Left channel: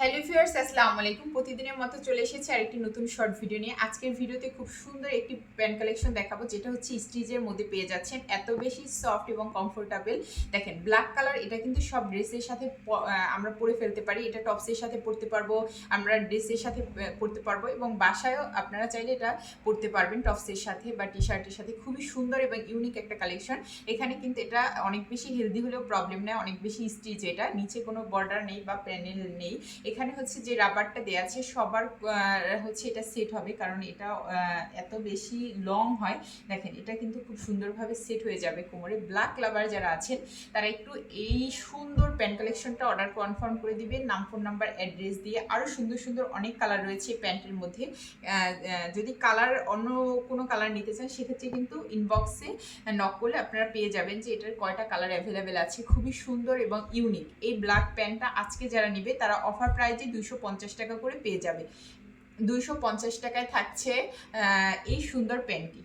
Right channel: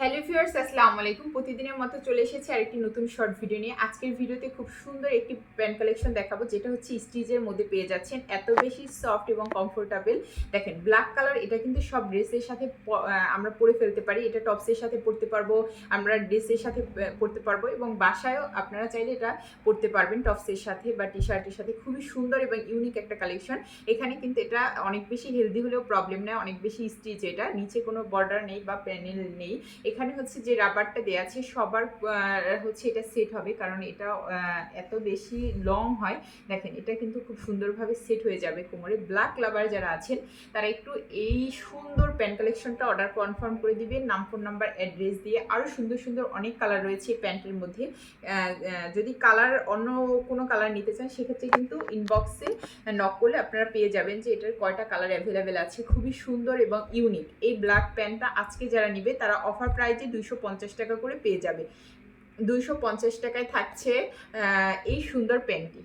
Hello viewers, আসসালামু আলাইকুম। প্রতিদিনের মতো চলে এসেছে আরেকটি নতুন শর্ট ভিডিও নিয়ে। আজকের ভিডিওতে খুব সুন্দর একটি প্যান্ট কালেকশন দেখাবো, যেটা হচ্ছে স্টিচের মধ্যে পেয়ে যাচ্ছেন। এত বেশি সফট এবং কমফোর্টেবল। দেখেন, ব্ল্যাক কালার, এটা কিন্তু সব ড্রেসের সাথে আমরা পরে ফেলতে পারি। এটা টপসের সাথে পরতে পারবো, আমরা ড্রেসের সাথে পরতে পারবো, এবং বাসায়ও আপনারা চাইলে এটা পরতে পারবেন টপসের সাথে বা টি শার্টের সাথে। খুবই সুন্দর এবং ইউনিক একটা কালেকশন। এখানে কিন্তু এটা অনেক বেশি হেলদি হলেও প্রবলেম নেই, অনেক বেশি স্টিচ। এটা নিচে কোনো বর্ডার নেই বা প্যানেল নেই। এখানে হচ্ছে যে রাবারটা দেওয়া আছে সবার হচ্ছে এটা সেট হবে, কারণ এটা এত বেশি লং হয়। দেখেন, এটা কিন্তু খুব সুন্দরভাবে সেট হয়ে যাবে কোমরে। ব্ল্যাক লাভার যারা আছেন তারা একটু এই সুন্দর প্যান্ট কালেকশনটা অর্ডার কনফার্ম করে দিবেন নাম, ফোন নাম্বার, অ্যাড্রেস দিয়ে। আরও সুন্দর সুন্দর অনেক কালার রয়েছে প্যান্টের মধ্যে। যদি কালার অন্য কোনো কালার নিতে চান সেক্ষেত্রে কিন্তু ইনবক্সে নক করলে আপনারা পেয়ে যাবেন যে এটার কয়টা কালার অ্যাভেলেবেল আছে। খুবই সুন্দর এবং ইউনিক এই ব্ল্যাক প্যান্টটা আজকে যারা নিবে তারা অফার প্রাইজে 250 টাকা করে পেয়ে যাবে। 250 টাকায় থাকছে এই সুন্দর প্যান্টটি।